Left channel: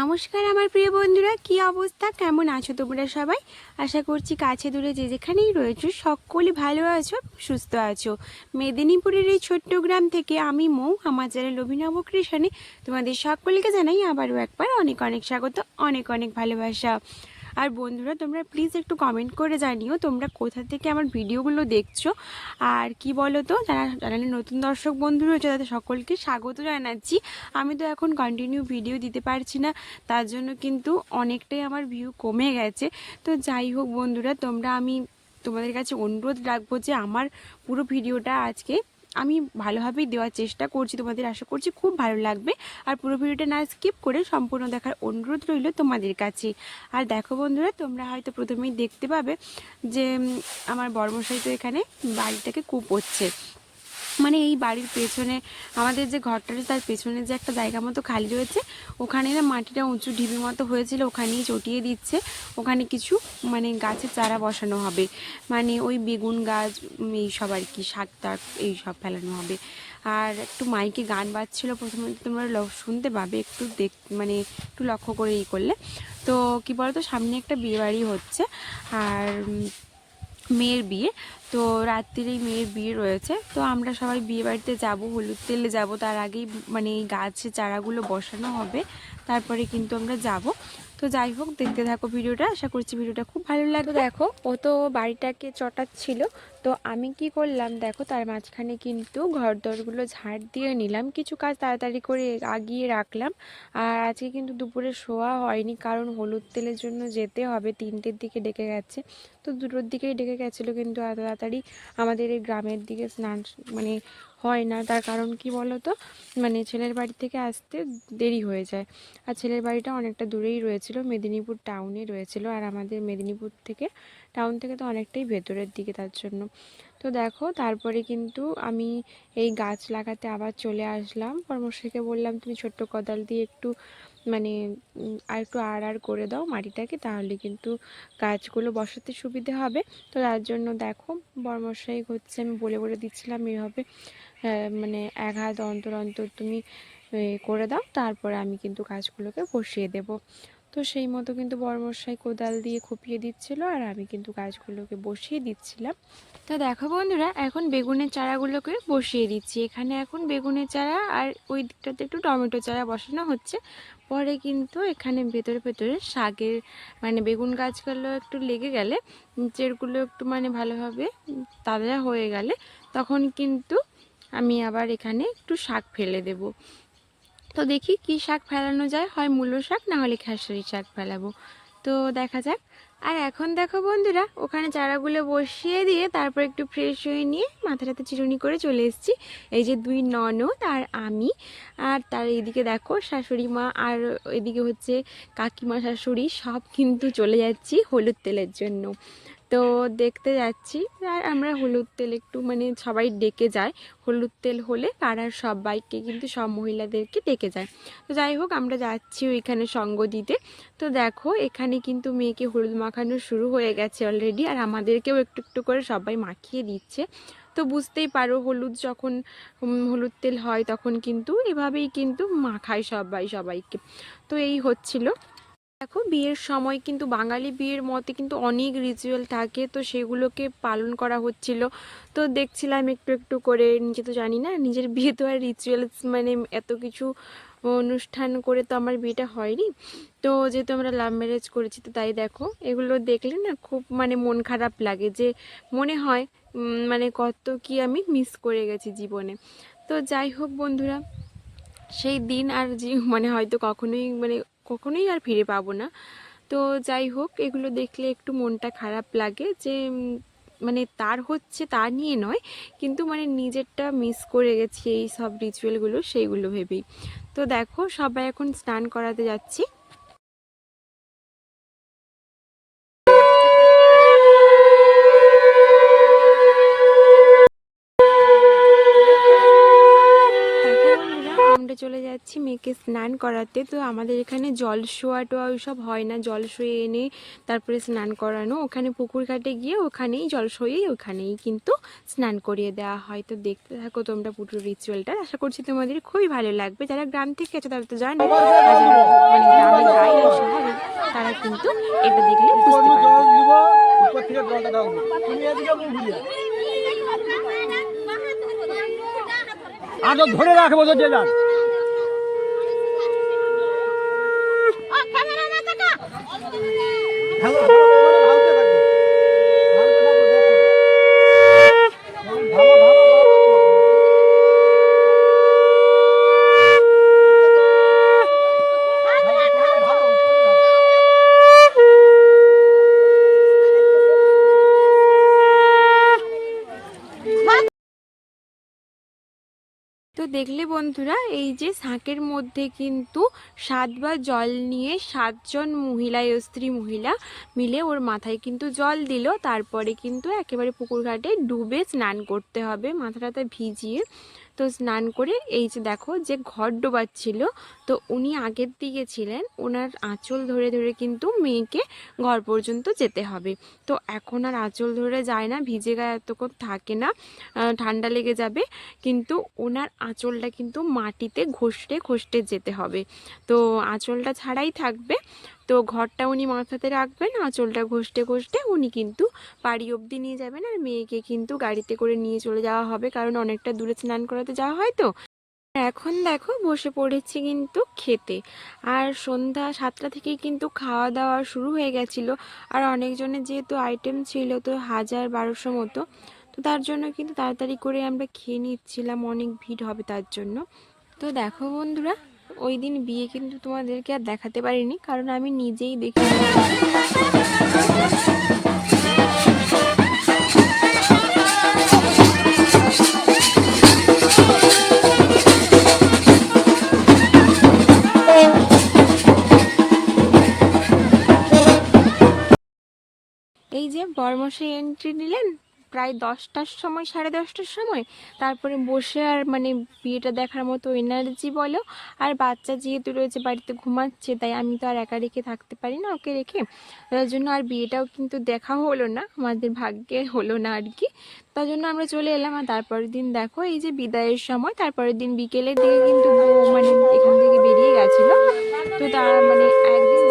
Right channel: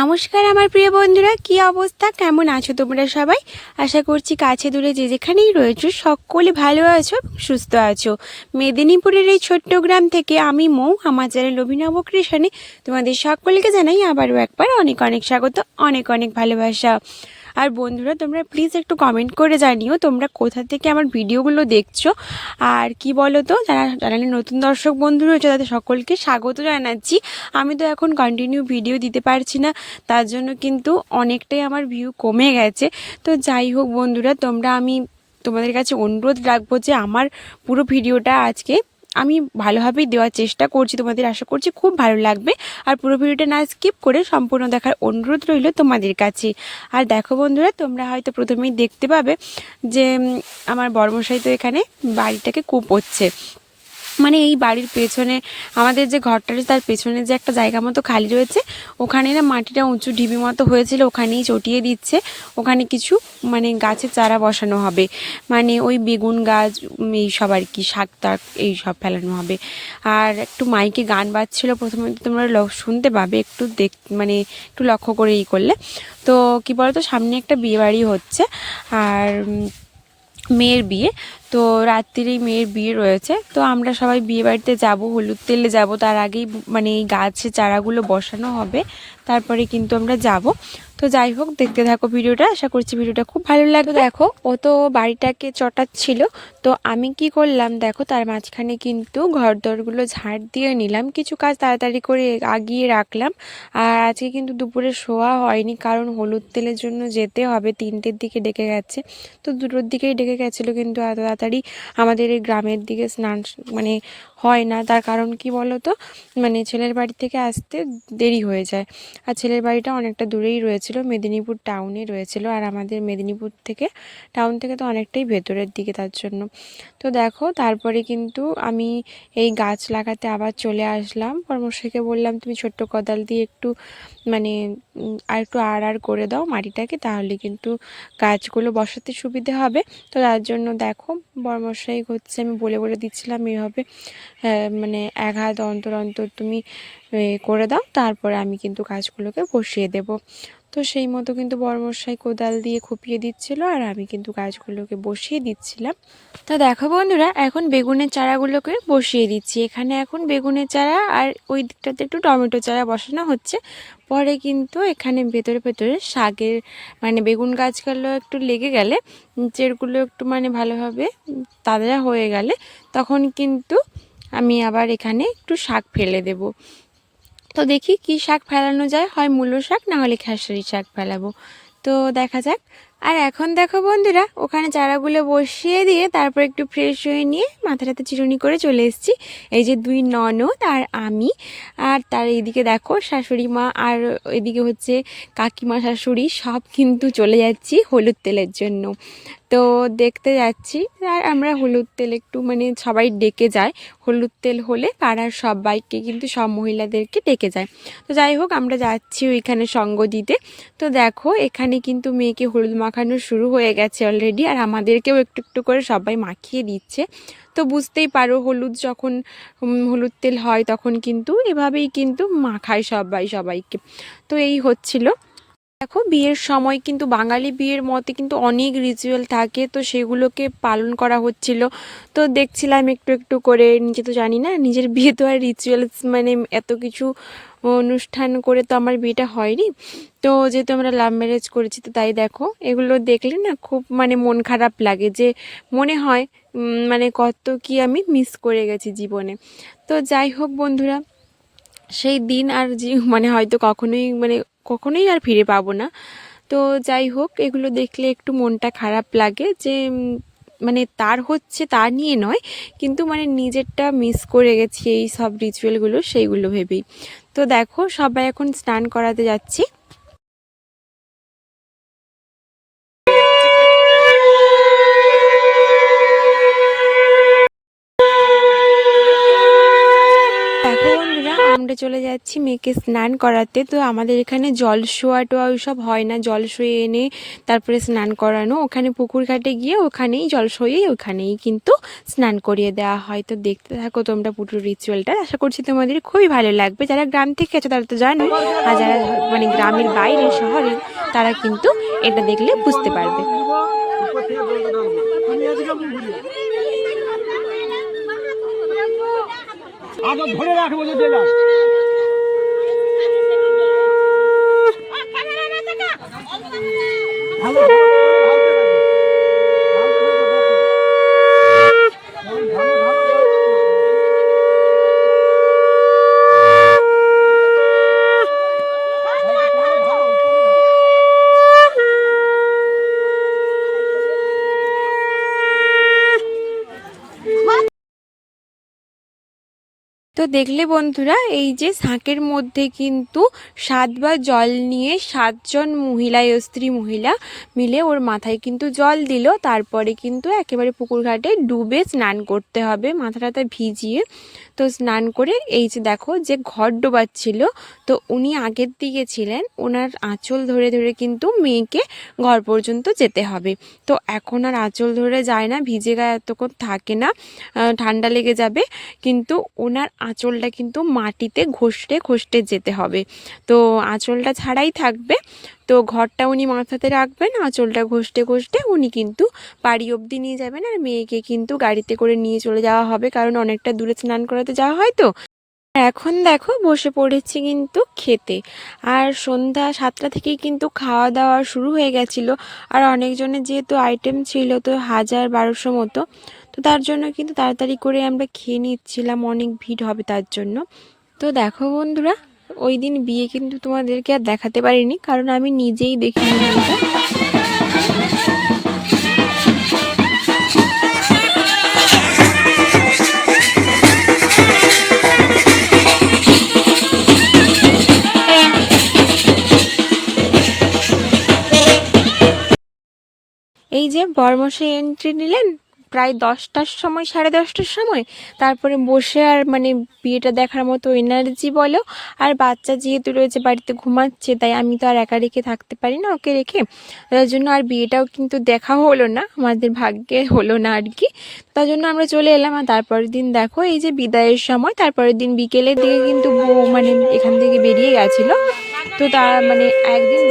নমস্কার আমার প্রিয় বন্ধুরা, কি অবস্থা, কেমন আছো তোমরা সবাই? আশা করছি কাছে দূরে যে যেখানেই রয়েছো সকলে ভালো আছো, সুস্থ আছো। মেদিনীপুরের এই ছোট্ট গ্রাম থেকে আমি মৌ, আমার চ্যানেল অভিনব ক্রিয়েশনে তোমাদের সকলকে জানাই আবারও একবার অনেক অনেক স্বাগত, অনেক অনেক ভালোবাসা। আর বন্ধুরা, তোমরা প্লিজ একটু কমেন্ট করে জানিও তোমরা কোথা থেকে আমার ভিডিওগুলো দেখছো। আর কি বলো তো, যারা চ্যানেলে নতুন দর্শক বন্ধু রয়েছে তাদের সকলকে স্বাগত জানাচ্ছি। আমি তো এখন কন্টিনিউ ভিডিও দিতে পারছি না, তার জন্য কিন্তু অনেকটাই আমার ভিউ কমে গেছে। তো যাই হোক বন্ধুরা, আমি তোমাদের কাছে অনুরোধ রাখবো যে আমার পুরো ভিডিওটা আজকে আমি ভালোভাবেই দেওয়ার চেষ্টা করছি, তোমাদের আশা করছি খুব ভালো লাগবে। আর পুরো ভিডিওটা না স্কিপ করে সম্পূর্ণ দেখার অনুরোধ রইল তোমাদের কাছে। আর দেখো বন্ধুরা, তোমরা হয়তো প্রথমেই দেখতে পাবে যে আমার বড়মশাই তো এখানে বাড়িটাকে কুপোচ্ছে। মানে এই বাড়ির পেছনে আমাদের যে ঘরটা রয়েছে তার পেছনে যে একটা জায়গা মতো খালি রয়েছে, ওখানে না মাটিটা উঁচু ঢিবি মতো হয়েছিল, ওখানেই চটিয়ে দিচ্ছে। ওখানে কিছু মানে গাছের চারা বসানো হবে, মানে ওই বেগুন গাছ এই সব আর কি, শাক টাক এই সব ফেলানো হবে। আর একটু মাইকে গান বাজছিল, প্রথমে তোমরা শুনতে পাবে, একটু মানে একটু লক্ষ্য করে করলে। তো কি বলতো, সামনে একটা বিয়ে বাড়ি হচ্ছে, আর মেয়ের বিয়ে। তো রাত্রিরেই মেয়ের বিয়ে রয়েছে, তো আমরা সবাই বিয়ে বাড়িতে যাবো, হলুদ তেলে যাব, তার আগেই মানে এই গাছের চারাগুলো বসানো হবে, তারপরে কিন্তু আমরা যাব। তো যাই হোক, দেখতে থাকো ভিডিওটা, আশা করছি ভিডিওটা খুব ভালো লাগবে। দেখো, ও তো বাড়িটাকে চটাচ্ছিল, তো আমি কি করলাম দেখো, তার মাঝখানে কিন্তু ঘর দরগুলো ঝাড় দিয়ে নিলাম, কিছু কাজ তাড়াতাড়ি করে আগিয়ে রাখলাম। আর আজকে কিন্তু দুপুরে শোয়া হয়নি, কারণ হলুদ তেলের জন্য যেতে হবে, 3টের দিকে ডেকে গেছে। তো 2টোর দিকেই ডেকে গেছিলো, কিন্তু এত তাড়াতাড়ি আমাদের এই গ্রামের দিকে স্নান মানে হয় না। তার কারণ কি বলো তো, মানে ছেলের বাড়ি থেকে আসতে দেরি হয়ে যায়, আর ছেলের বাড়িটা অনেকটা দূরেই রয়েছিল, মেদিনীপুর টাউনে রয়েছিল, আর আমাদের মেদিনীপুর থেকে টাউন থেকে তো অনেকটাই ভেতরের দিকে, তার জন্য। তো দেখো, তারপরে কিন্তু আমি এই গাছ লাগাতে আবার চলে আসলাম। পরামর্শকে বললাম, তুমি ছোট্ট কোদাল দিয়ে একটু মানে আর একটু আর করে দাও মাটিটাকে, তাহলে কিন্তু গাছগুলো বসাতে সুবিধে হবে। তো তার জন্য দেখো, বরমশাই হচ্ছে, আমি বলে বলে দিচ্ছিলাম এভাবে মানে 1 হাত অন্তর অন্তর তুমি করে দাও, তারপরে আমি কিন্তু গাছগুলোকে বসিয়ে দেব। তো সেই মতো কিন্তু বরমশাই কোদাল দিয়ে খুপিয়ে দিচ্ছিল, আর আমি কিন্তু গাছগুলোকে বসিয়ে দিচ্ছিলাম। তো দেখো বন্ধুরা, এখন বেগুনের চারাগুলোকে বসিয়ে দিচ্ছি। এখানে এখন বেগুনের চারা, আর ওই দিকটাতে একটু টমেটো চারা বসানো হচ্ছে। পরে কিন্তু এখানে ভেতরে ভেতরে শাকের মানে বেগুন গাছগুলো একটু লেগে গেলে, নিচেরগুলো একটু মানে ভালোভাবে তাজা হয়ে গেলে, তখন কিন্তু আমি আবার এখানে একটু শাক ফেলে দেব। তো দেখি কি শাক ফেলানো যায়, হয় মূলো শাক, না হলে খেসারি শাক ফেলাবো, তো দেখা যাক। আর এখন দেখো বন্ধুরা, ওখানে চারাগুলো বসিয়ে দিয়ে তারপর একটু ফ্রেশ হয়ে নিয়ে মাথাটাতে চিরুনি করে চলে এসেছি। এই যে 2 ননদ আর আমি, আর তার এইদিকে দেখো শাশুড়ি মা, আর এদিকে হচ্ছে কাকিমা শাশুড়ি, সব কিন্তু চলে যাচ্ছি হলুদ তেলের জন্য। তো দেখতে যাচ্ছি, আর আমরা হলুদ তেল একটু মানে সবাই ডেকে যায়, হলুদ তেল হলে পাড়ার সবাইকে কিন্তু সব মহিলাদেরকে ডেকে যায়। তো যাই হোক, আমরা যাচ্ছি ওইখানে সঙ্গ দিতে। তো দেখো, এখানে কিন্তু মেয়েকে হলুদ মাখানো শুরু হয়ে গেছে অলরেডি, আর আমাদেরকেও একটু একটু করে সবাই মাখিয়ে দিচ্ছে। তো বুঝতেই পারো, হলুদ যখন হলুদ তেল হয় তখন কিন্তু এভাবেই কিন্তু মাখায় সবাই সবাইকে। তো এই হচ্ছিল। দেখো, বিয়ের সময় কিন্তু বাঙালি বিয়ের মতে কিন্তু অনেক রিচুয়াল থাকে, তো সেগুলোকে পালন করা হচ্ছিল। তো দেখছিলাম একটু একটু করে, নিজে তো জানি না, নিজের বিয়ে তো আর রিচুয়ালস মানে এত কিছু অনুষ্ঠান করে তো আমার বিয়েটা হয়নি। তো যেহেতু আমরা লাভ ম্যারেজ করেছি, তো তাই দেখো, এগুলো দেখলে না খুব মানে মন খারাপ লাগে, যে মনে হয় মানে কত কি আমি মিস করে গেছি জীবনে। তো যাই হোক বন্ধুরা, সেই দিন আর মানে হয়তো কখনোই আর ফিরে পাবো না। তো যাই হোক, এগুলো দেখলে একটু মনটা খারাপ লাগে, যে মানে তার হচ্ছে তা নিয়ে নয়, কিন্তু মানে নিজেরটা মিস করে গেছি এই সব রিচুয়ালগুলো, সেইগুলো ভেবেই। তো দেখো, সবাই এখন স্নান করাতে যাচ্ছি। দেখো বন্ধুরা, আমরা চলে যাচ্ছি মেয়েকে স্নান করাতে। তো আমাদের এখানে জল শোয়া টোয়া ওইসব হয় না, জল শুয়ে এনে তারপরে স্নান করানো, ওখানে পুকুর ঘাটে গিয়ে ওখানেই জল শুয়ে ওখানেই কিন্তু স্নান করিয়ে দেওয়া হয়। তো দেখতে থাকো তোমরা পুরো রিচুয়ালটা, আশা করছি তোমাদের খুবই ভালো লাগবে। যারা গ্রাম থেকে আছে তারা তো জানো, আর যারা মানে গ্রামের বাইরে শহরে তারা কিন্তু এটা দেখলে বুঝতে পারবে। ধরে রাখবো যে ভালো তো দেখলে বন্ধুরা, এই যে শাঁকের মধ্যে কিন্তু 7বার জল নিয়ে 7জন মহিলা স্ত্রী মহিলা মিলে ওর মাথায় কিন্তু জল দিল। তারপরে কিন্তু একেবারে পুকুর ঘাটে ডুবে স্নান করতে হবে, মাথাটাতে ভিজিয়ে। তো স্নান করে এই যে দেখো যে ঘট ডোবাচ্ছিল, তো উনি আগের দিকে ছিলেন, ওনার আঁচল ধরে ধরে কিন্তু মেয়েকে ঘর পর্যন্ত যেতে হবে। তো এখন আর আঁচল ধরে যায় না, ভিজে গায়ে এতক্ষণ থাকে না, ঠান্ডা লেগে যাবে। কিন্তু ওনার আঁচলটা কিন্তু মাটিতে ঘষতে ঘষতে যেতে হবে। তো আঁচলটা ছাড়াই থাকবে, তো ঘরটা উনি মাথাতে রাখবেন, আঁচলটা ঘষতে ঘষতে উনি কিন্তু বাড়ি অবধি নিয়ে যাবেন। আর মেয়েকে কিন্তু গাড়িতে করে নিয়ে চলে যাওয়া হবে, কারণ অনেকটা দূরে স্নান করাতে যাওয়া হয়। তো এখন দেখো বসে পড়েছি কিন্তু খেতে। আর সন্ধ্যা 7টা থেকেই কিন্তু খাওয়া দাওয়া শুরু হয়ে গেছিলো। আর অনেকজনের যেহেতু আইটেম ছিল তো 1000-1200 মতো, তো তার জন্য কিন্তু তাড়াতাড়ি করে আমরা খেয়ে নিচ্ছিলাম, অনেক ভিড় হবে তার জন্য। তো দেখো বন্ধুরা, ওই দিন বিয়ে কিন্তু তোমাদেরকে আর দেখাতে পারিনি, কারণ আমি নিজেই দেখিনি। এই যে বরমশাই এন্ট্রি নিলেন প্রায় 10টার সময়, 10:30টার সময়। তারপরে বসে আর মানে বিয়েটা দেখার মতো এনার্জি বলো, আর বাচ্চা যেহেতু রয়েছে বাড়িতে ঘুমাচ্ছে, তাই আমি তো আর একা রেখে থাকতে পারি না ওকে রেখে। তার জন্য আর বিয়েটাও কিন্তু দেখা হলো না, আমাদের ভাগ্যে হলো না আর কি। তার জন্য আমরা চলে এলাম। আর তারপরের দিন দেখো এই যে বিদায়ের সময়, তারপরের দিন বিকেলের দিকে কিন্তু বউ মানে এখান থেকে বেরিয়ে গেছিলো। তো তার মানে একদিন